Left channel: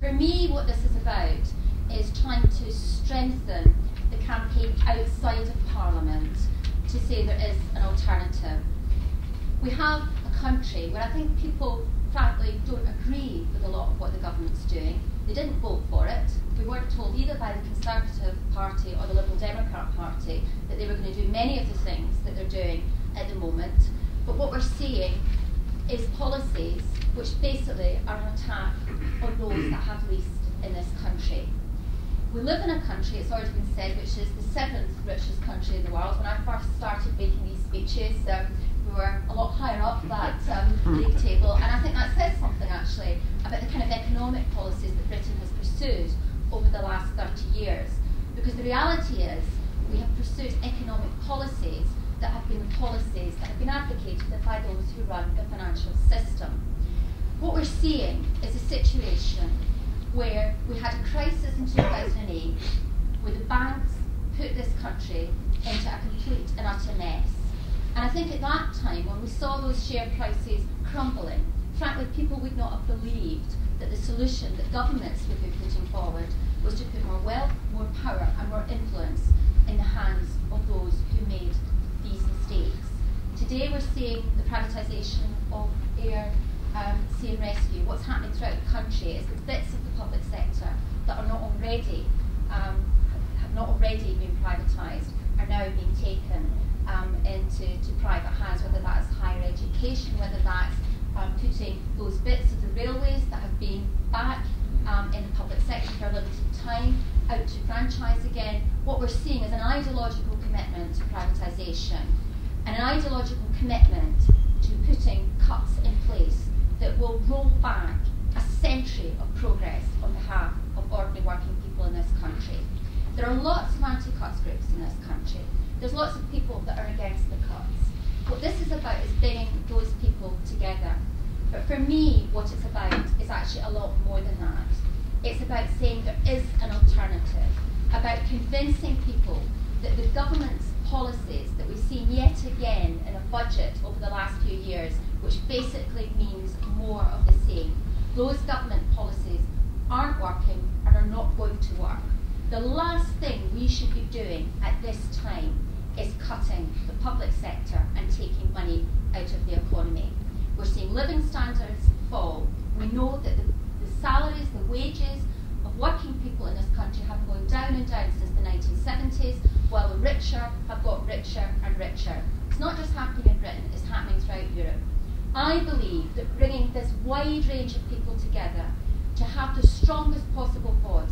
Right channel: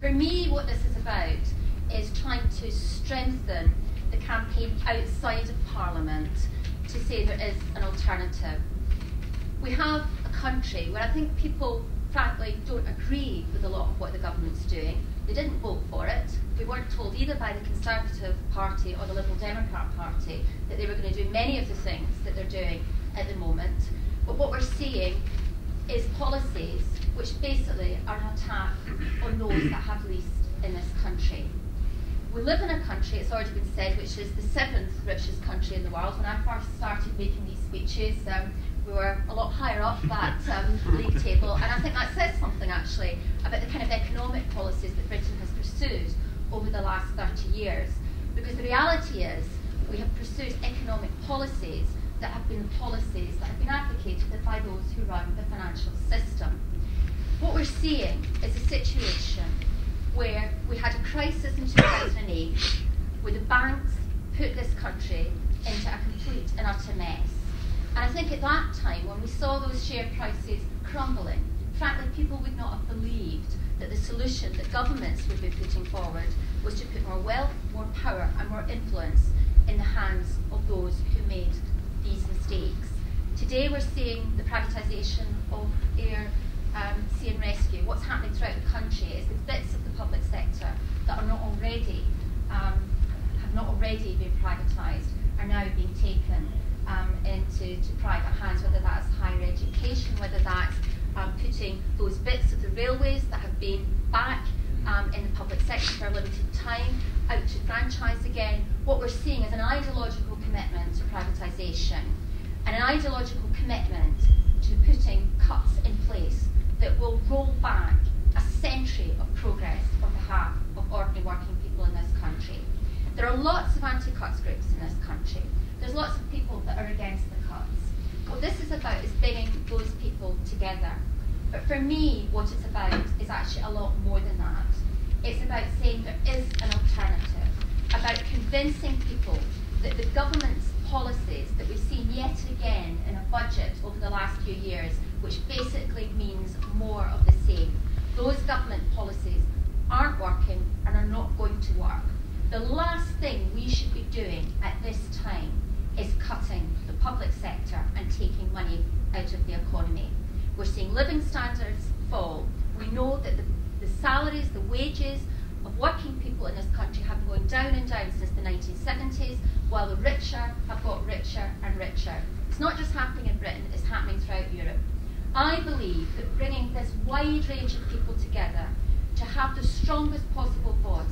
For me, what this is about is trying to strengthen the campaign outside of Parliament to say there is an alternative. We have a country where I think people, frankly, don't agree with a lot of what the government's doing. They didn't vote for it. We weren't told either by the Conservative Party or the Liberal Democrat Party that they were going to do many of the things that they're doing at the moment. But what we're seeing is policies which basically are an attack on those that have least in this country. We live in a country, it's already been said, which is the 7th richest country in the world. When I first started making these speeches, we were a lot higher up that league table, and I think that says something actually about the kind of economic policies that Britain has pursued over the last 30 years. Because the reality is we have pursued economic policies that have been the policies that have been advocated by those who run the financial system. What we're seeing is a situation where we had a crisis in 2008 where the banks put this country into a complete and utter mess. And I think at that time, when we saw those share prices crumbling, frankly, people would not have believed that the solution that governments would be putting forward was to put more wealth, more power and more influence in the hands of those who made these mistakes. Today we're seeing the privatisation of air, sea and rescue. What's happening throughout the country is that bits of the public sector that are not already, have not already been privatised are now being taken into private hands, whether that's higher education, whether that's putting those bits of the railways that have been back in the public sector for a limited time out to franchise again. What we're seeing is an ideological commitment to privatisation and an ideological commitment to putting cuts in place that will roll back a century of progress on behalf of ordinary working people in this country. There are lots of anti-cuts groups in this country. There's lots of people that are against the cuts. What this is about is bringing those people together. But for me, what it's about is actually a lot more than that. It's about saying there is an alternative, about convincing people that the government's policies that we've seen yet again in a budget over the last few years, which basically means more of the same, those government policies aren't working and are not going to work. The last thing we should be doing at this time is cutting the public sector and taking money out of the economy. We're seeing living standards fall. We know that the salaries, the wages of working people in this country have been going down and down since the 1970s, while the richer have got richer and richer. It's not just happening in Britain, it's happening throughout Europe. I believe that bringing this wide range of people together to have the strongest possible voice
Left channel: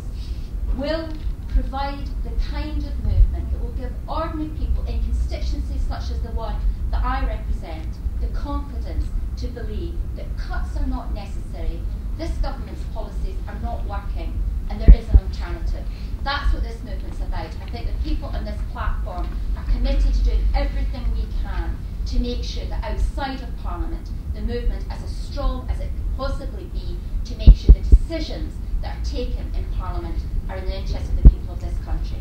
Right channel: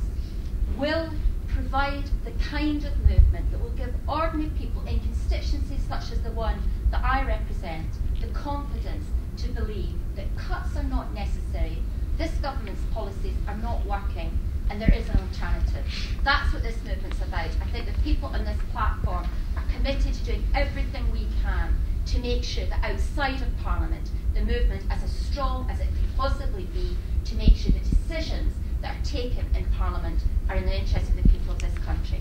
will provide the kind of movement that will give ordinary people in constituencies such as the one that I represent the confidence to believe that cuts are not necessary, this government's policies are not working, and there is an alternative. That's what this movement's about. I think the people on this platform are committed to doing everything we can to make sure that outside of Parliament, the movement is as strong as it can possibly be to make sure the decisions that are taken in Parliament are in the interest of the people of this country.